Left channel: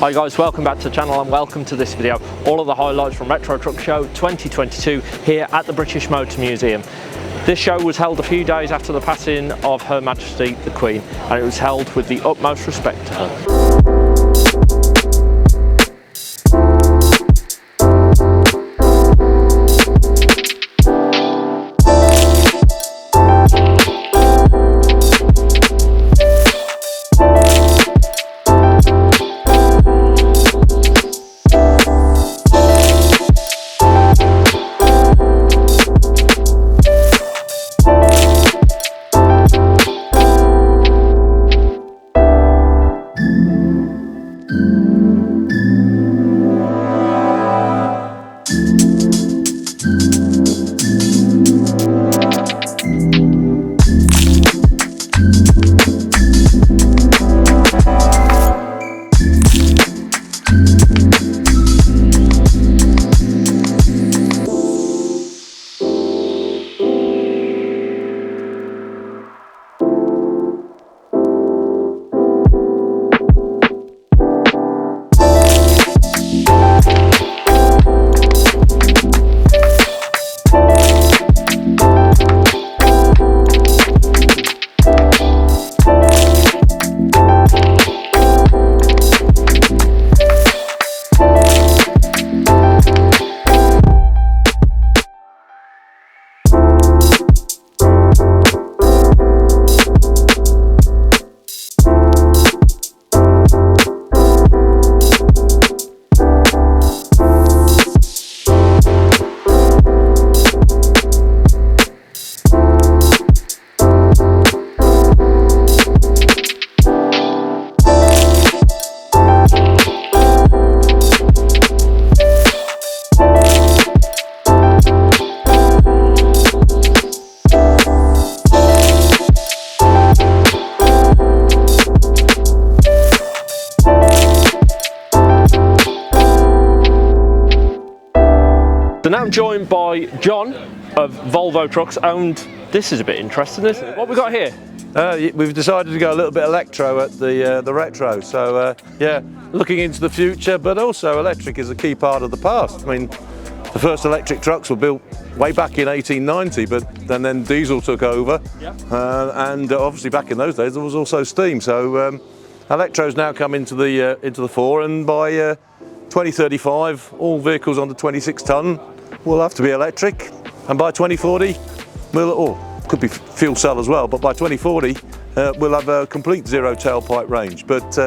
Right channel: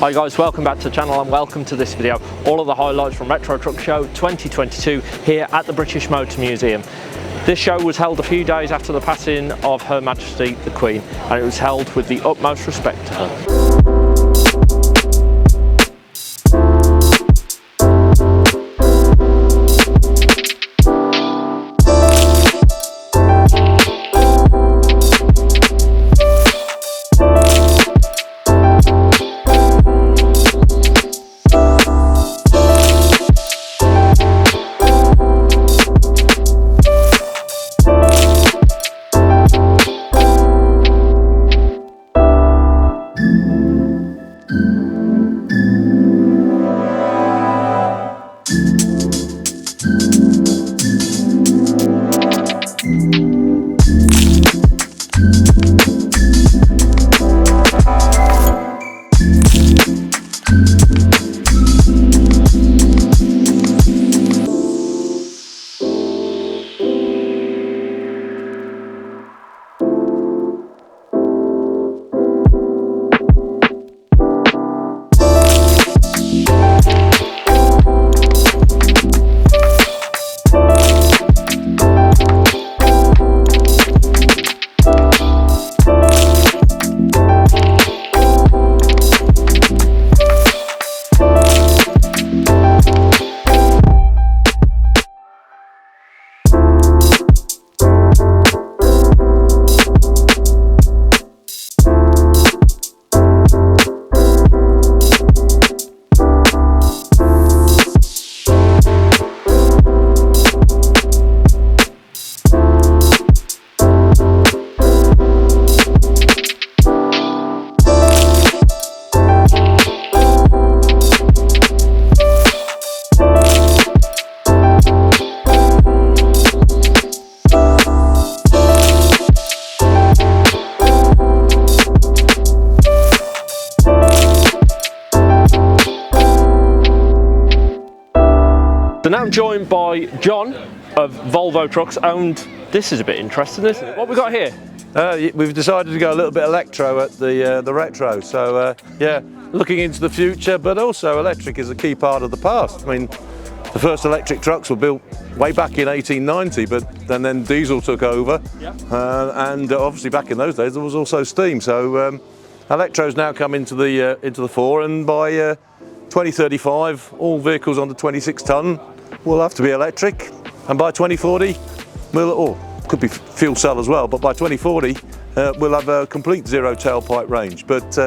Hi guys, welcome back to the channel and welcome to this video. All of the highlights from Retro Truck Show 2022 here at the British Motor Museum. This show was held a few days after the passing of Her Majesty the Queen, and it was held with the utmost respect to her. Now I'm joined by John of Volvo Trucks, and this is a bit interesting, isn't it? What we got here? We've decided to go a little bit electro at the retro, so yeah, looking into the future, but also electric is a key part of the past. I mean, the first electric trucks were built way back in 1890, but then diesel took over, and obviously back in those days there was also steam. So electro's now come into the fore, and by 2035, all vehicles under 26 tonne will have to be electric, and by 2040, could be fuel cell as well, but by 2040 we'll have a complete zero tailpipe range. But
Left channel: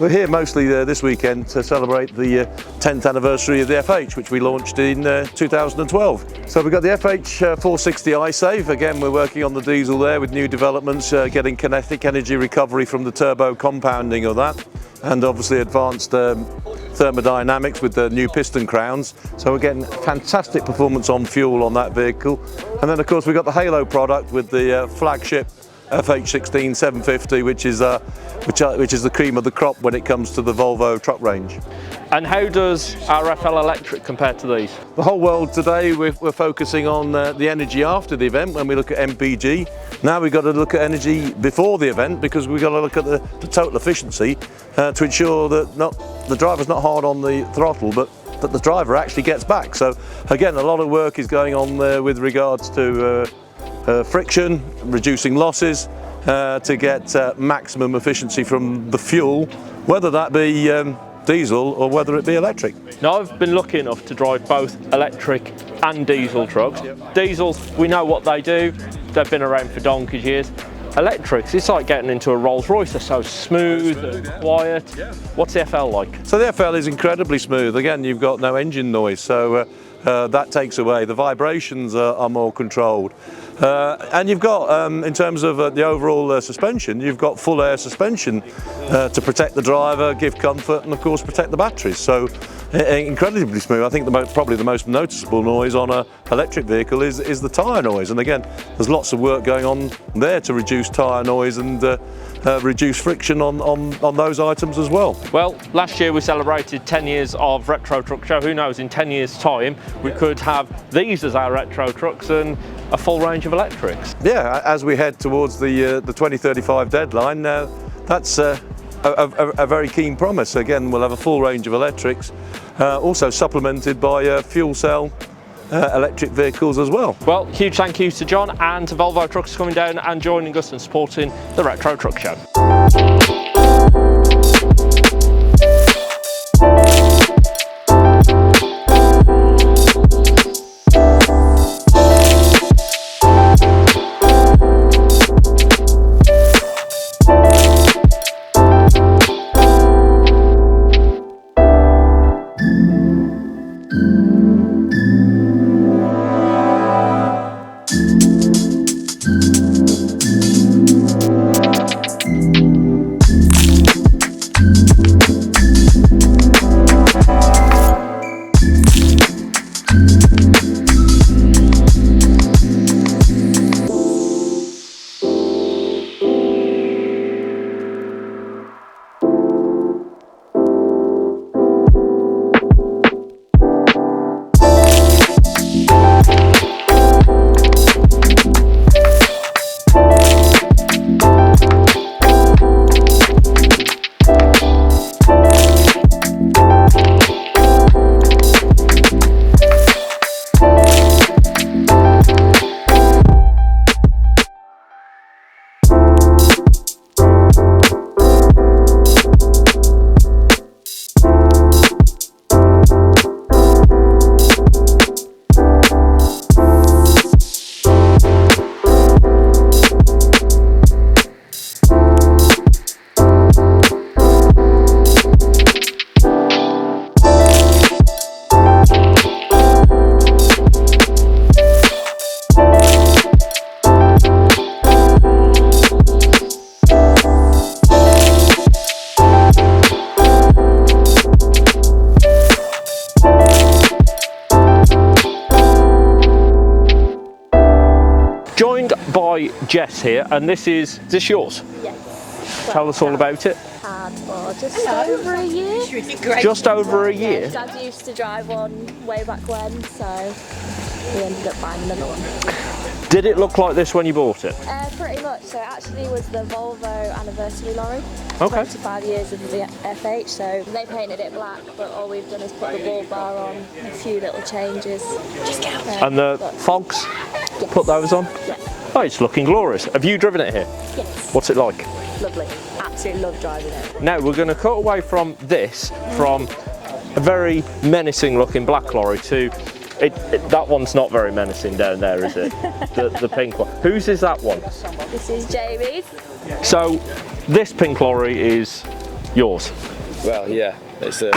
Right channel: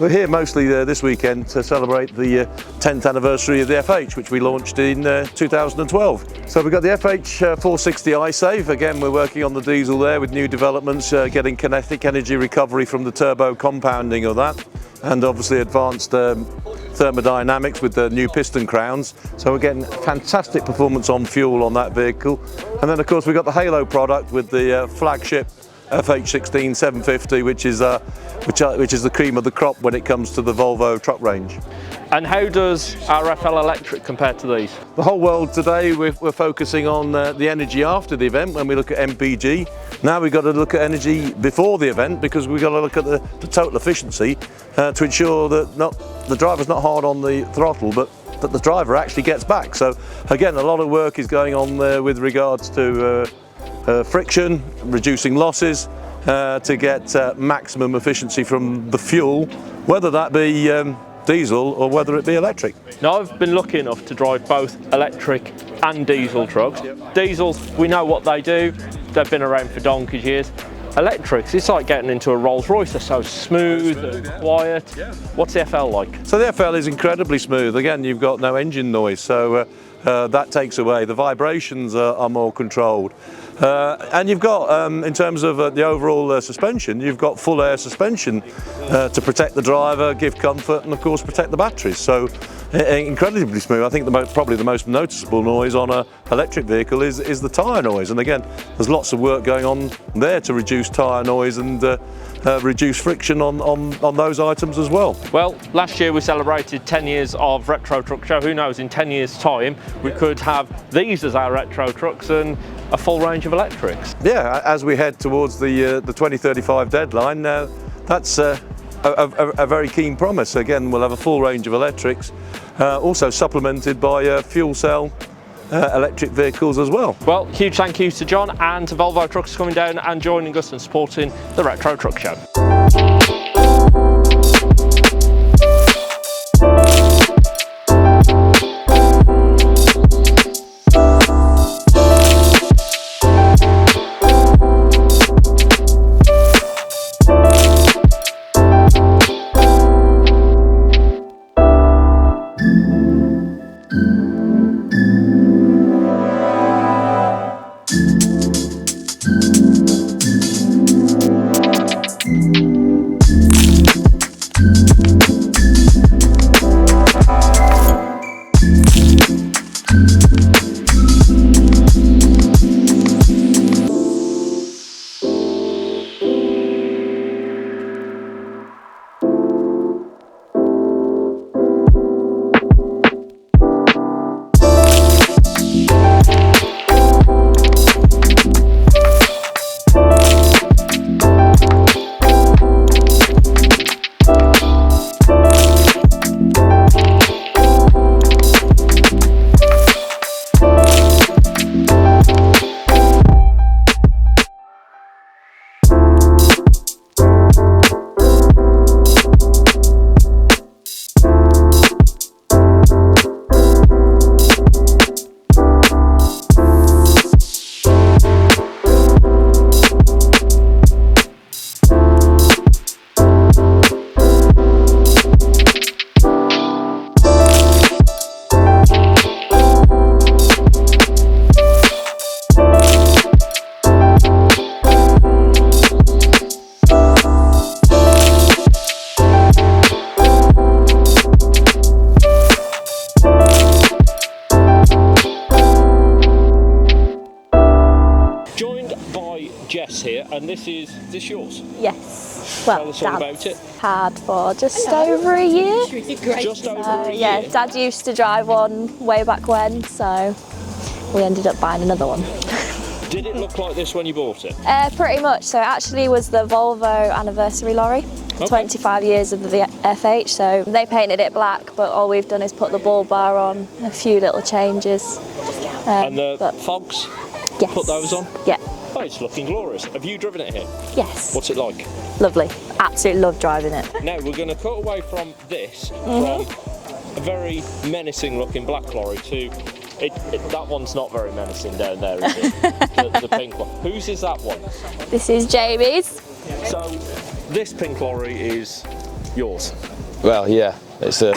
we're here mostly this weekend to celebrate the 10th anniversary of the FH, which we launched in 2012. So we've got the FH 460 iSave. Again, we're working on the diesel there with new developments, getting kinetic energy recovery from the turbo compounding of that, and obviously advanced thermodynamics with the new piston crowns. So we're getting fantastic performance on fuel on that vehicle. And then of course we've got the Halo product with the flagship FH16 750, which is the cream of the crop when it comes to the Volvo truck range. And how does RFL Electric compare to these? The whole world today, we're focusing on the energy after the event when we look at MPG. Now we've got to look at energy before the event, because we've got to look at the total efficiency to ensure that the driver's not hard on the throttle, but that the driver actually gets back. So again, a lot of work is going on there with regards to friction, reducing losses, to get maximum efficiency from the fuel, whether that be diesel or whether it be electric. Now, I've been lucky enough to drive both electric and diesel trucks. Diesels, we know what they do, they've been around for donkey's years. Electrics, it's like getting into a Rolls Royce. They're so smooth and quiet. What's the FL like? So the FL is incredibly smooth. Again, you've got no engine noise, so that takes away. The vibrations are more controlled. And you've got, in terms of the overall suspension, you've got full air suspension to protect the driver, give comfort, and of course protect the batteries. So incredibly smooth. I think probably the most noticeable noise on an electric vehicle is the tyre noise. And again, there's lots of work going on there to reduce tyre noise and reduce friction on those items as well. Well, last year we celebrated 10 years of Retro Truck Show. Who knows, in 10 years time we could have these as our retro trucks and a full range of electrics. Yeah, as we head towards the 2035 deadline, that's a very keen promise. Again, we'll have a full range of electrics, also supplemented by fuel cell electric vehicles as well. Well, huge thank you to John and to Volvo Trucks for coming down and joining us and supporting the Retro Truck Show. Jess here, and this is this yours? Yes. Tell us all about it. Had for just over a year. Just over a year? Yeah, Dad used to drive one way back when, so we ended up buying another one. Did it look like this when you bought it? Pretty much. So it actually was the Volvo anniversary lorry. Okay. 25 years of the FH, so they painted it black, but all we've done is put the bull bar on, a few little changes. And the fogs? Yes. Put those on? Yeah. Oh, it's looking glorious. Have you driven it here? Yes. What's it like? Lovely. Absolutely love driving it. Now we're going to cut away from this, from a very menacing looking black lorry to, that one's not very menacing down there, is it? the pink one. Whose is that one? This is Jamie's. So this pink lorry is yours? Well, yeah. It's a...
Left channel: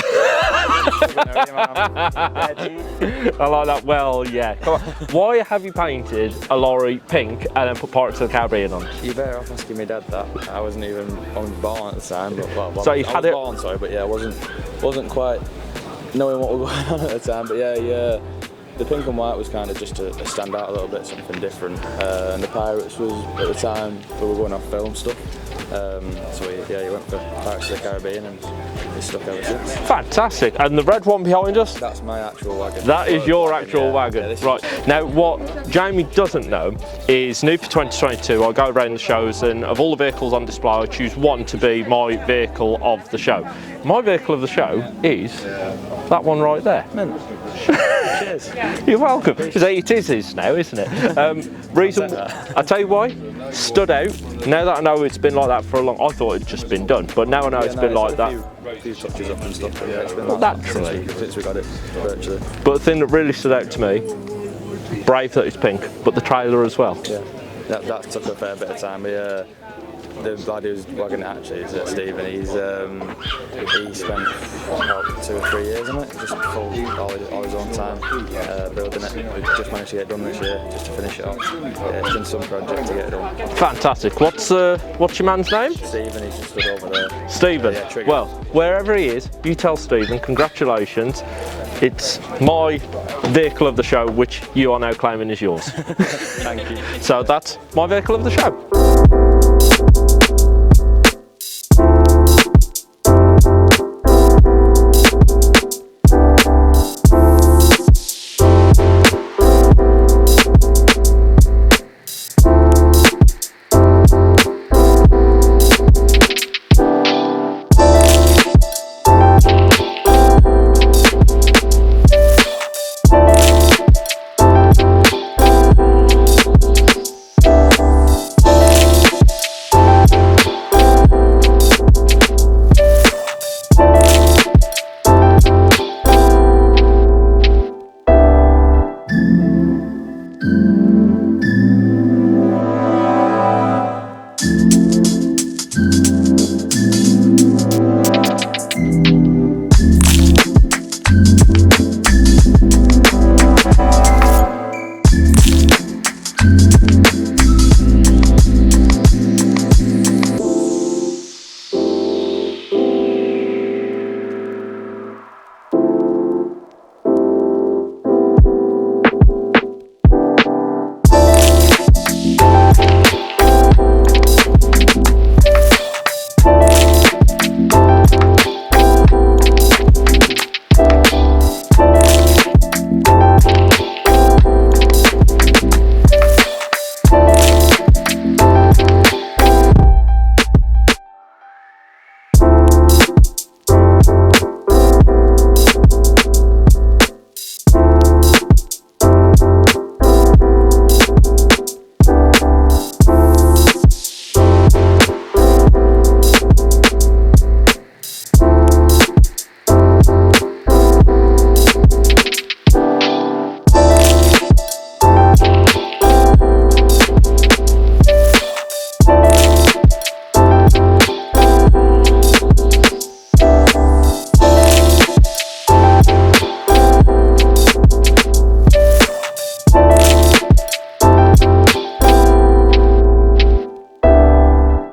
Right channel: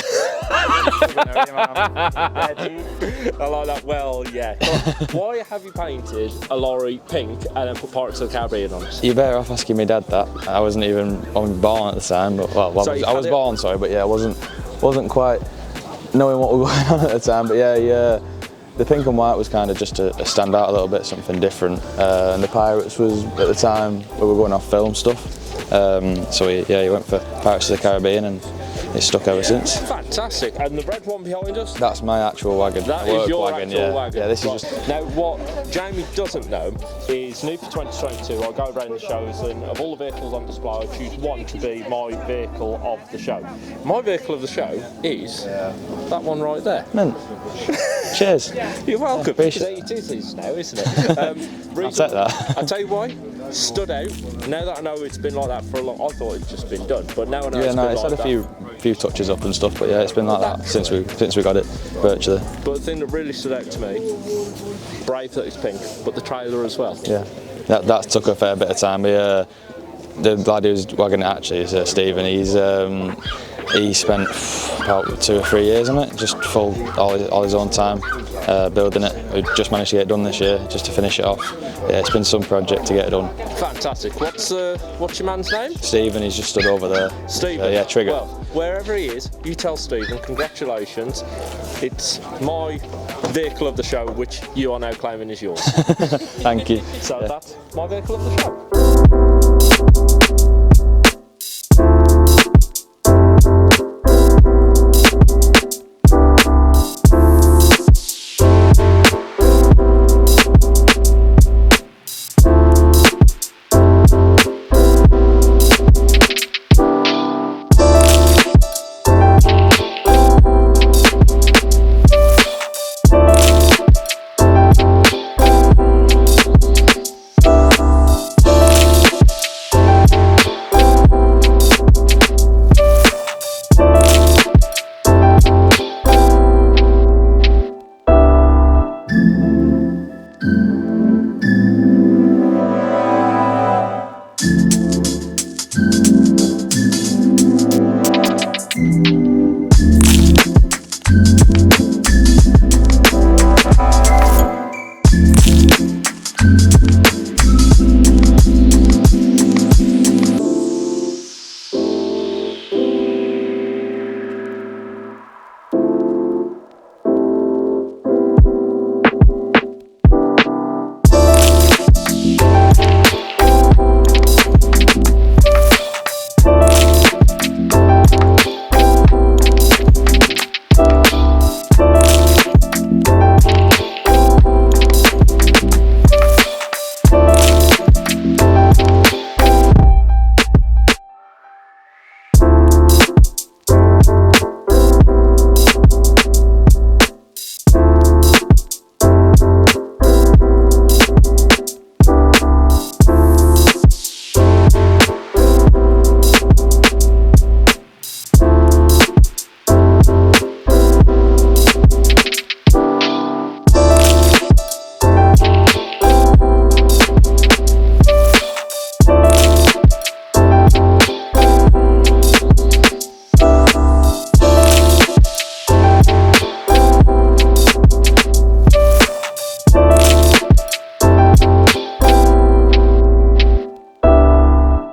I like that. Well, yeah. Why have you painted a lorry pink and then put Pirates of the Caribbean on it? You're better off asking my dad that. I wasn't born at the time. But, well, so I was born, sorry, but yeah, I wasn't quite knowing what was going on at the time. But yeah, the pink and white was kind of just to stand out a little bit, something different. And the Pirates was at the time we were going off film stuff. So he went for Pirates of the Caribbean and it's stuck ever since. Fantastic. And the red one behind us? That's my actual wagon. That is your actual wagon. Yeah, this right. Now, what Jamie doesn't know is new for 2022, I go around the shows and of all the vehicles on display, I choose one to be my vehicle of the show. My vehicle of the show is that one right there. Cheers. You're welcome. It is his now, isn't it? Reason, I'll tell you why. Stood out. Now that I know it's been like that for a long, I thought it'd just been done, but now I know it's been like that. A few touches up and stuff, but yeah, it's been like that since we got it virtually. But the thing that really stood out to me, brave that it's pink, but the trailer as well. Yeah, that took a fair bit of time. The lad who's wagging it actually is Stephen. He spent about 2 or 3 years on it, just full all his own time building it. We've just managed to get it done this year, just to finish it off. Yeah, it's been some project to get it done. Fantastic. What's your man's name? Stephen. He's just stood over there. Stephen. Yeah, Trigger. Well, wherever he is, you tell Stephen congratulations. It's my vehicle of the show, which you are now claiming is yours. Thank you. So that's my vehicle of the show.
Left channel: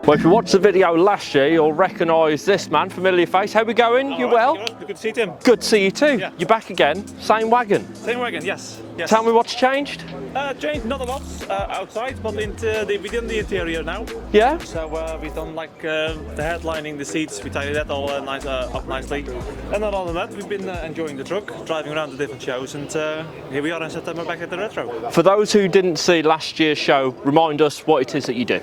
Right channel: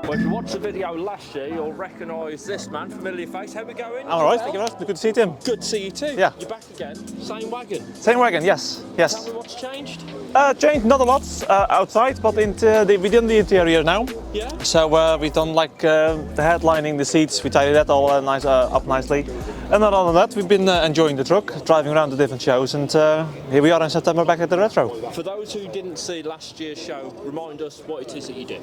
Well, if you watched the video last year, you'll recognise this man, familiar face. How we going? You well? Good to see you, Tim. Good to see you too. Yeah. You're back again. Same wagon. Same wagon, yes. Tell me what's changed. Changed not a lot outside, but we done the interior now. Yeah. So we've done like the headlining, the seats. We tidied that all up nicely. And not other than that, we've been enjoying the truck, driving around the different shows, and here we are in September back at the Retro. For those who didn't see last year's show, remind us what it is that you do.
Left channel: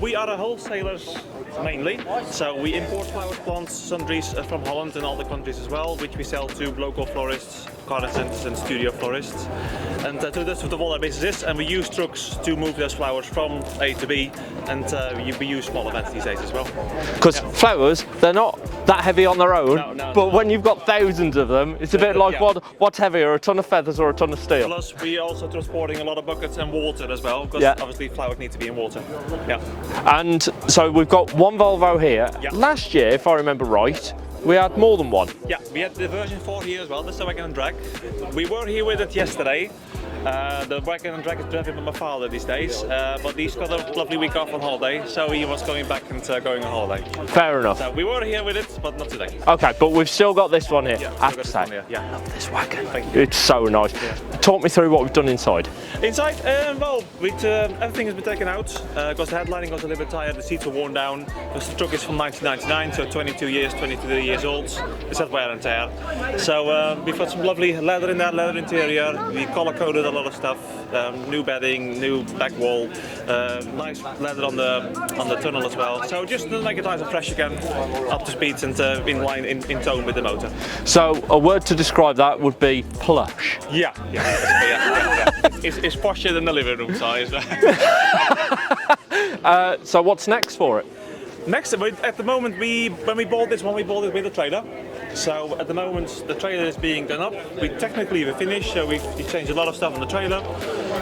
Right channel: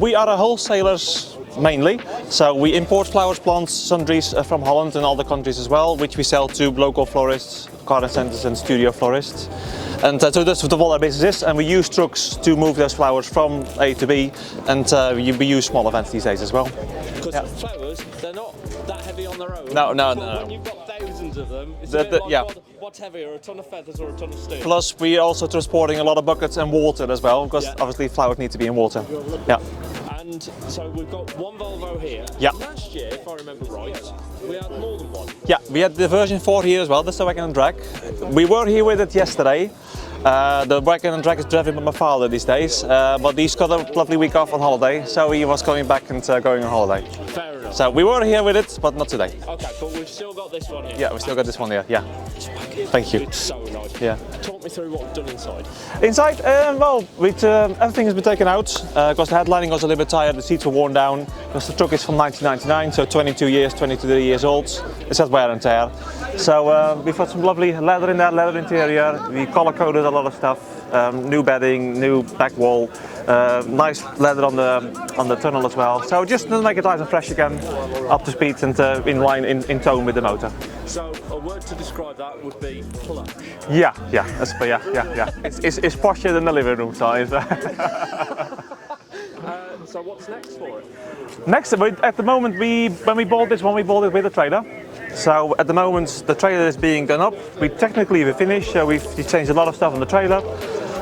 We are a wholesalers mainly, so we import flowers, plants, sundries from Holland and other countries as well, which we sell to local florists, garden centres and studio florists. And so that's what all our business is, and we use trucks to move those flowers from A to B, and we use small events these days as well. Because flowers, they're not that heavy on their own, but when you've got thousands of them, it's a bit like what's heavier, a ton of feathers or a ton of steel? Plus, we are also transporting a lot of buckets and water as well, because obviously flowers need to be in water. Yeah. And so we've got one Volvo here. Yeah. Last year, if I remember right, we had more than one. Yeah, we had the version 4 here as well, that's the wagon and drag. We were here with it yesterday. The wagon and drag is driven by my father these days, but he's got a lovely week off on holiday, so he was going back and going on holiday. Fair enough. So we were here with it, but not today. Okay, but we've still got this one here. Yeah, we've still got this one here. Yeah. This wagon. Thank you. It's so nice. Yeah. Talk me through what we've done inside. Inside, well, everything has been taken out because the headlining was a little bit tired, the seats were worn down. Because the truck is from 1999, so 22 years old. It's had wear and tear. So we've got some lovely leather in there, leather interior. We color coded a lot of stuff. New bedding, new back wall, nice leather on the tunnel as well. So just to make it nice and fresh again, up to speed and in line, in tone with the motor. So a word to describe that would be plush. Yeah. It's posher than the living room size. So what's next for it? Next, at the moment, when we bought this one, we bought it with a trailer. So at the moment, the trailer is being done up. We're finished, so we've changed a lot of stuff on the trailer.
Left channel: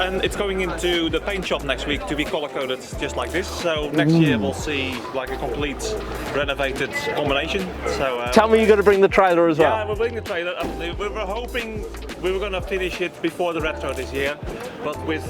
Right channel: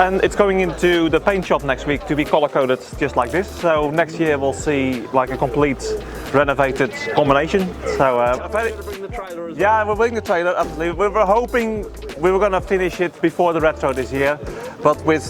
And it's going into the paint shop next week to be color coded just like this. So next year we'll see like a complete renovated combination. So tell me you're going to bring the trailer as well. Yeah, we'll bring the trailer. Absolutely. We were hoping we were going to finish it before the Retro this year, but with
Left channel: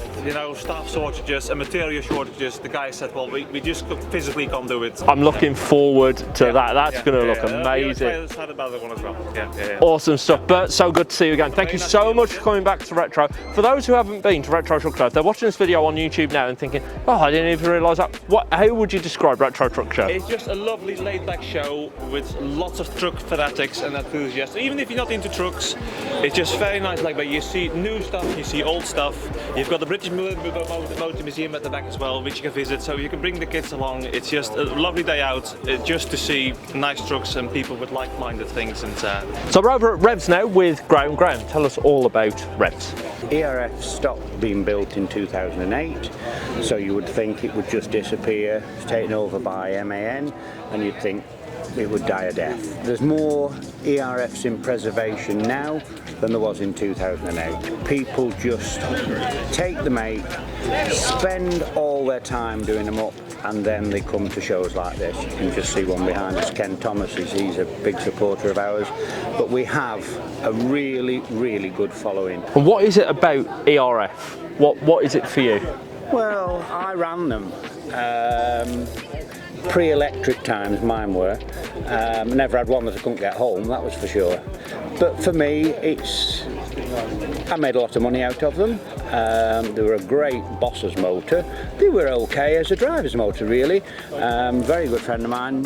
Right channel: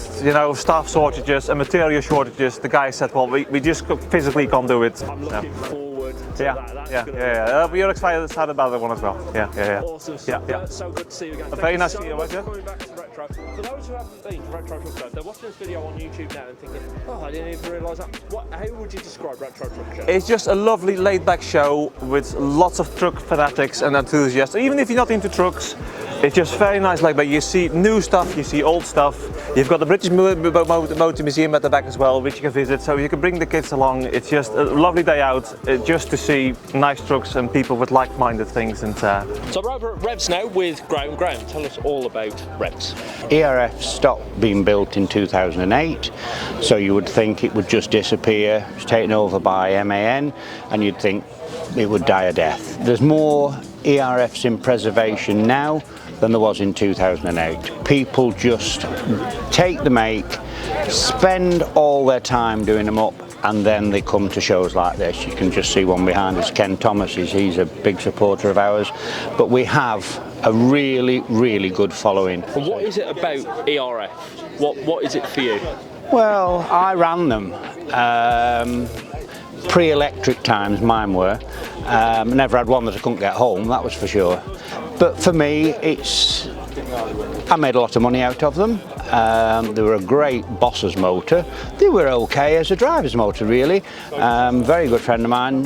staff shortages and material shortages, the guy said, well, we just physically can't do it. I'm looking forward to that. That's going to look amazing. You're excited about that one as well. Yeah. Awesome stuff. Yeah. Burt, so good to see you again. Thank you so much for coming back to Retro. For those who haven't been to Retro Truck Show, if they're watching this video on YouTube now and thinking, oh, I didn't even realise that. How would you describe Retro Truck Show? It's just a lovely laid-back show with lots of truck fanatics and enthusiasts. Even if you're not into trucks, it's just very nice laid-back. You see new stuff, you see old stuff. You've got the British Motor Museum at the back as well, which you can visit, so you can bring the kids along. It's just a lovely day out just to see nice trucks and people with like-minded things. And so we're over at REVS now with Graham. Graham, tell us all about REVS. ERF stopped being built in 2008, so you would think it would just disappear. It's taken over by MAN, and you'd think it would die a death. There's more ERFs in preservation now than there was in 2008. People just take the make, spend all their time doing them up, and then they come to shows like this. You can just see one behind us, Ken Thomas, he's a big supporter of ours. But we have a really, really good following. And what is it about ERF? What is it for you? Well, I ran them. Pre-electric times, mine were. Never had one that I couldn't get home, that was for sure. But for me, I made a lot of money out of them. They were a great boss's motor. They were okay as a driver's motor, really. Very good friend of mine,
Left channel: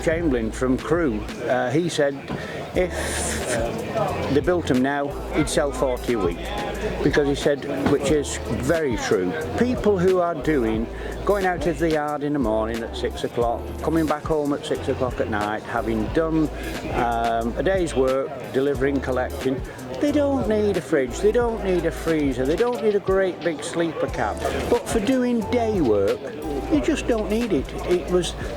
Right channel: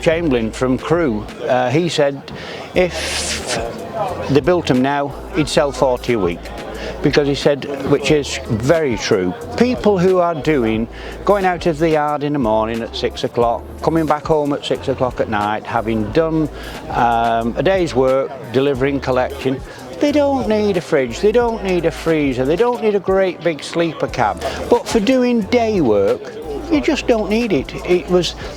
Chamberlain from Crewe, he said if they built them now, he'd sell 40 a week. Because he said, which is very true, people who are going out of the yard in the morning at 6 o'clock, coming back home at 6 o'clock at night, having done a day's work, delivering, collection, they don't need a fridge, they don't need a freezer, they don't need a great big sleeper cab. But for doing day work, you just don't need it.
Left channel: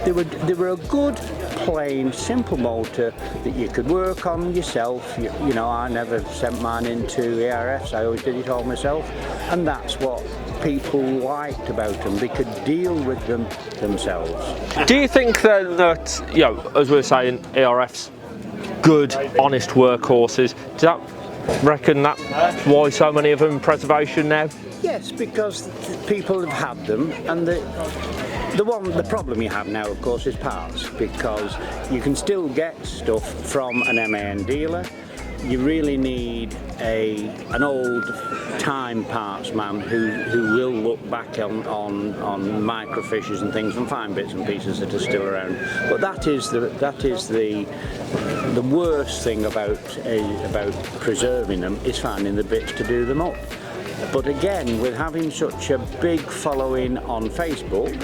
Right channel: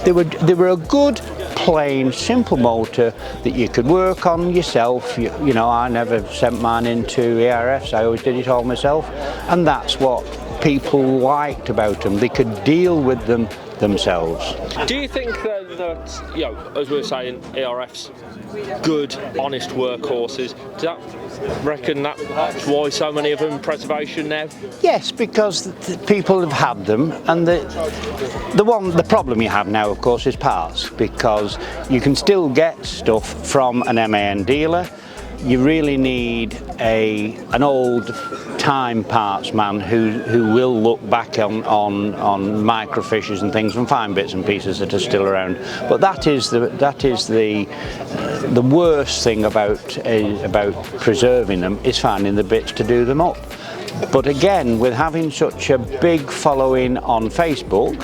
They were a good, plain, simple motor that you could work on yourself. You know, I never sent mine into ERFs, I always did it all myself. And that's what people liked about them. They could deal with them themselves. Do you think then that, as we were saying, ERFs, good, honest workhorses, reckon that's why so many of them in preservation now? Yes, because people have had them, and the problem you have now, of course, is parts, because you can still get stuff from an MAN dealer. You really need an old time parts man who will look back on microfiches and things and find bits and pieces that are still around. But that is the worst thing about preserving them, is finding the bits to do them up. But again, with having such a big following on Facebook,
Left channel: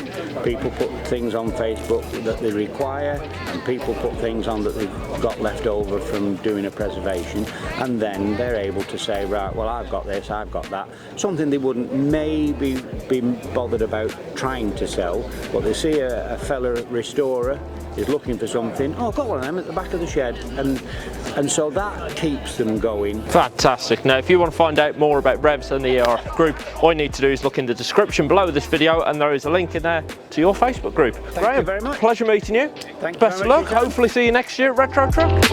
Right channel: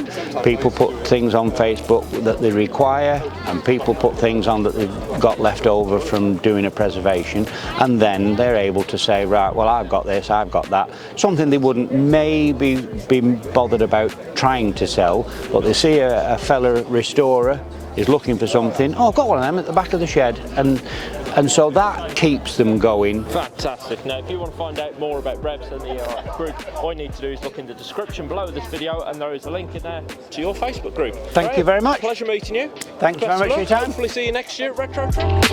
people put things on Facebook that they require, and people put things on that they've got left over from doing a preservation, and then they're able to say, right, well, I've got this, I've got that. Something they wouldn't maybe be bothered about trying to sell, but they see a fella restorer is looking for something. Oh, I've got one of them at the back of the shed, and so that keeps them going. Fantastic. Now, if you want to find out more about REVS and the group, all you need to do is look in the description below this video, and there is a link in there to your Facebook group. Thank you very much. Pleasure meeting you. Thank you Best very of much. luck. Hopefully see you next year at Retro Truck.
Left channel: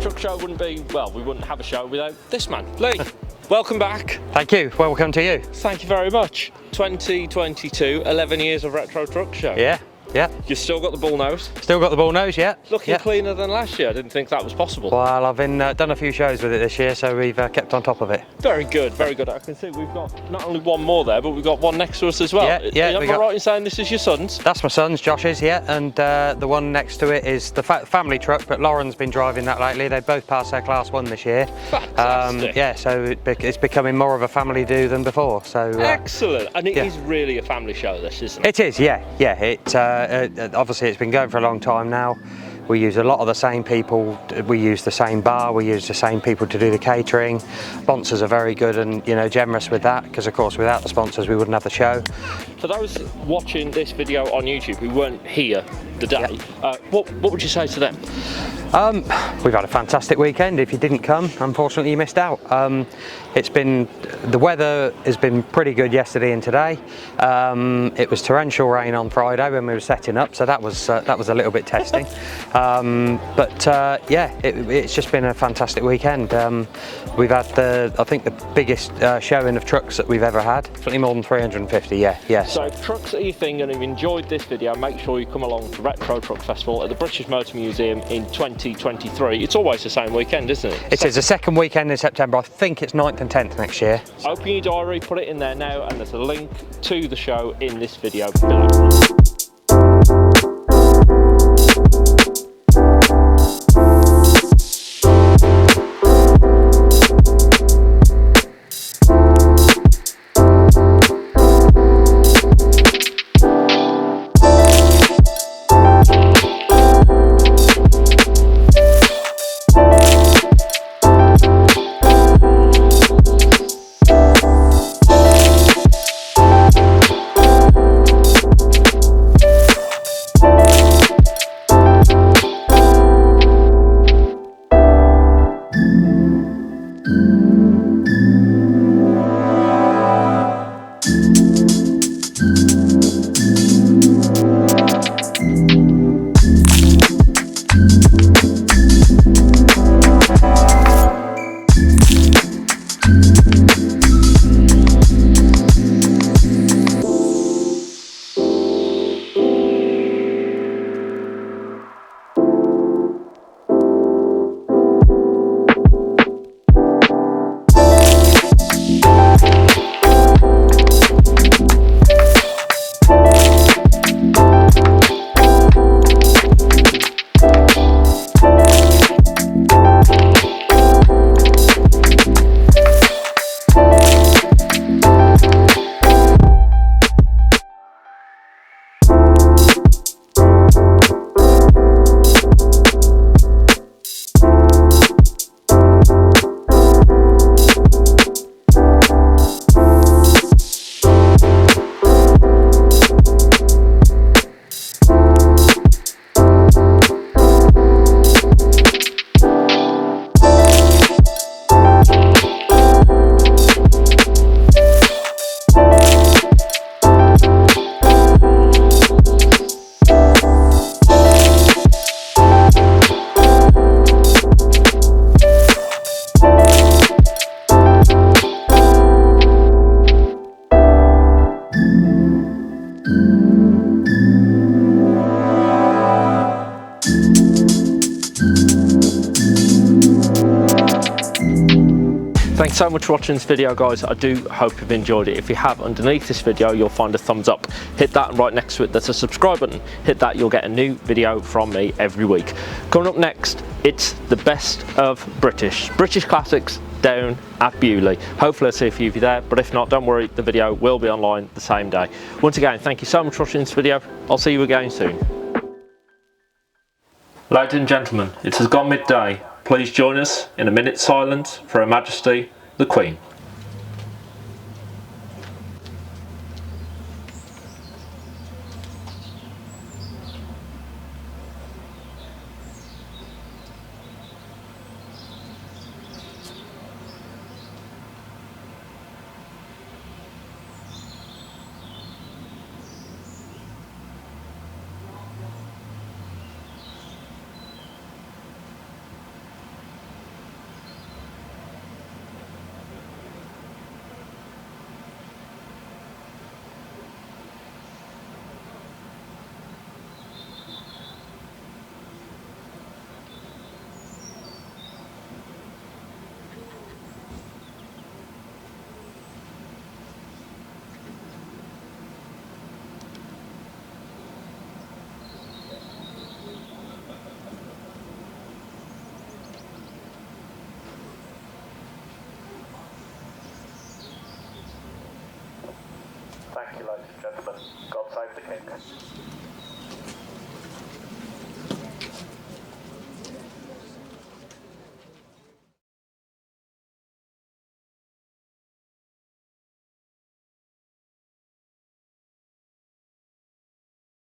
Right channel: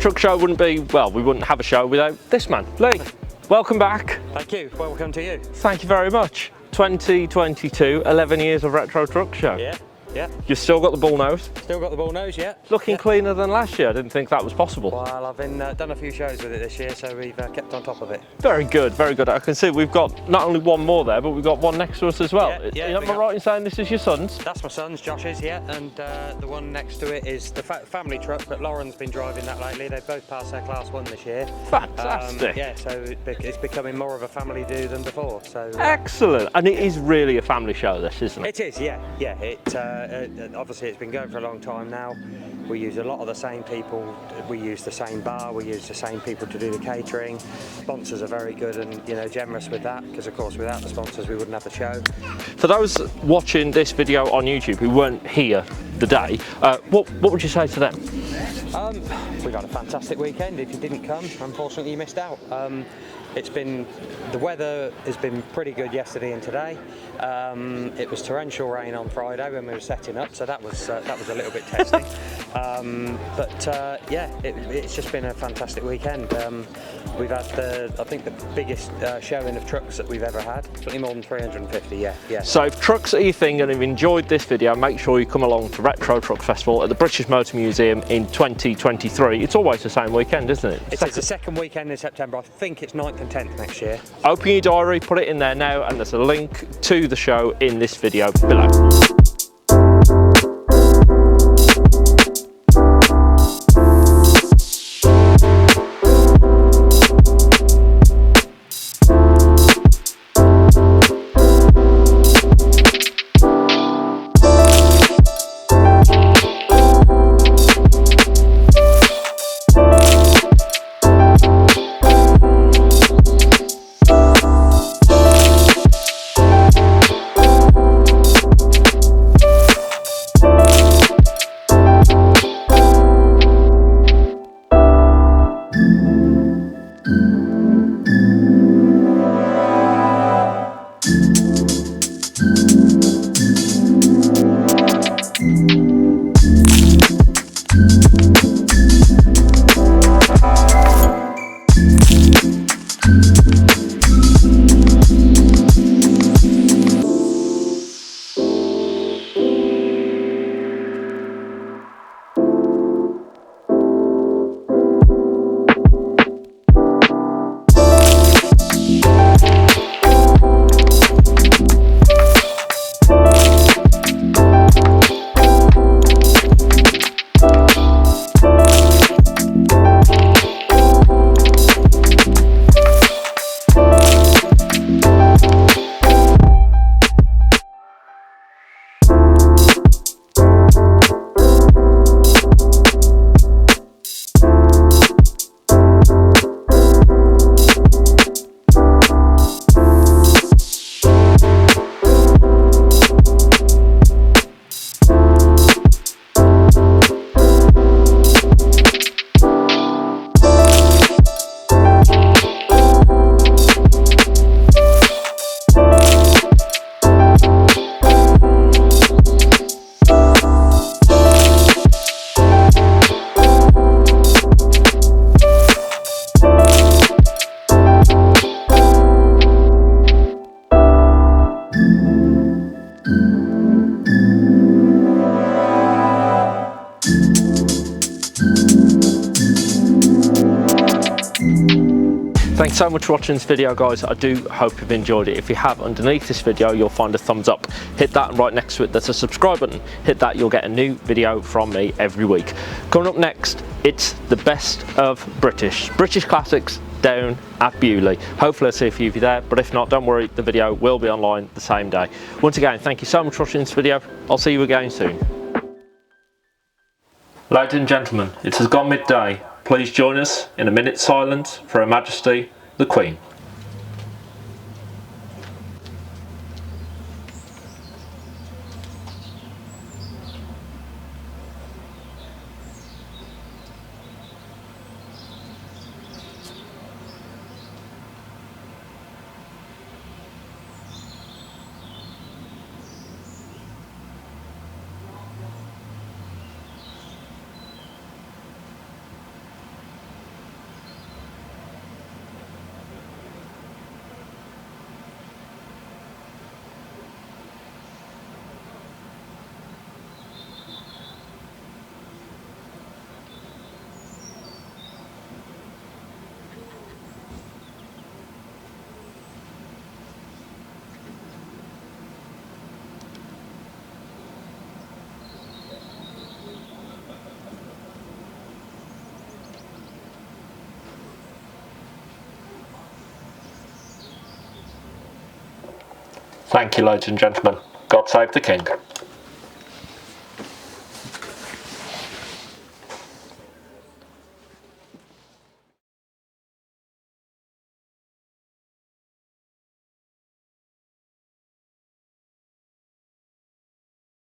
Truck Show wouldn't be, well, we wouldn't have a show without this man. Lee, welcome back. Thank you, welcome to you. Thank you very much. 2022, 11 years of Retro Truck Show. Yeah. You've still got the bull nose? Still got the bull nose, yeah. Looking cleaner than last year. I didn't think that was possible. Well, I've been done a few shows with it this year, so we've kept on top of it. Very good, very good. I can see we've got not only one more there, but we've got one next to us as well. Yeah. Am I right in saying this is your son's? That's my son's, Josh's, yeah, and the one next to it is the family truck, but Lauren's been driving that lately. They both passed their Class 1 this year. Fantastic. Yeah, so it's becoming more of a family do than before. So excellent, and it is really a family show, this, isn't it? It is, yeah. It obviously it's been going for a long time now. We use a lot of the same people, we use the same bar, we use the same people to do the catering. Sponsors are very good and generous with that, because of course without the sponsors we wouldn't have the show. For those watching this video on YouTube who weren't here the day, what would you say to them? We've had a fantastic weekend. If you didn't come, unfortunately you missed out. The weather has been pretty good yesterday and today. It was torrential rain on Friday when we were setting up, so that was a little bit testing. It's just been a fantastic weekend. We've had I think the biggest showing of trucks that we've ever had. Certainly more than 350. Yeah. So if trucks are your thing and you've enjoyed this video, make sure you come along to Retro Truck Festival at the British Motor Museum in 2023. It's always the same weekend, isn't it? It is the second weekend in September. I think it's 9th and 10th next year. Open your diary, put it in there now, and there's a link to the show in this video below. Thanks so much for watching this video, guys. I do hope you've enjoyed it. If you have, underneath this video you'll find a thumbs up. Hit that, and right next to it there's a subscribe button. Hit that, you'll get a new video from me every week. Coming up next, it's the best of British classics down at Bewley. Hopefully I'll see a few of you there, but if not, don't worry, the video will be online the same day. Once again, thank you so much for watching this video. I'll see you again soon. Ladies and gentlemen, it has gone midday. Please join us in a minute's silence for Her Majesty, the Queen. Thank you, ladies and gentlemen. God save the King.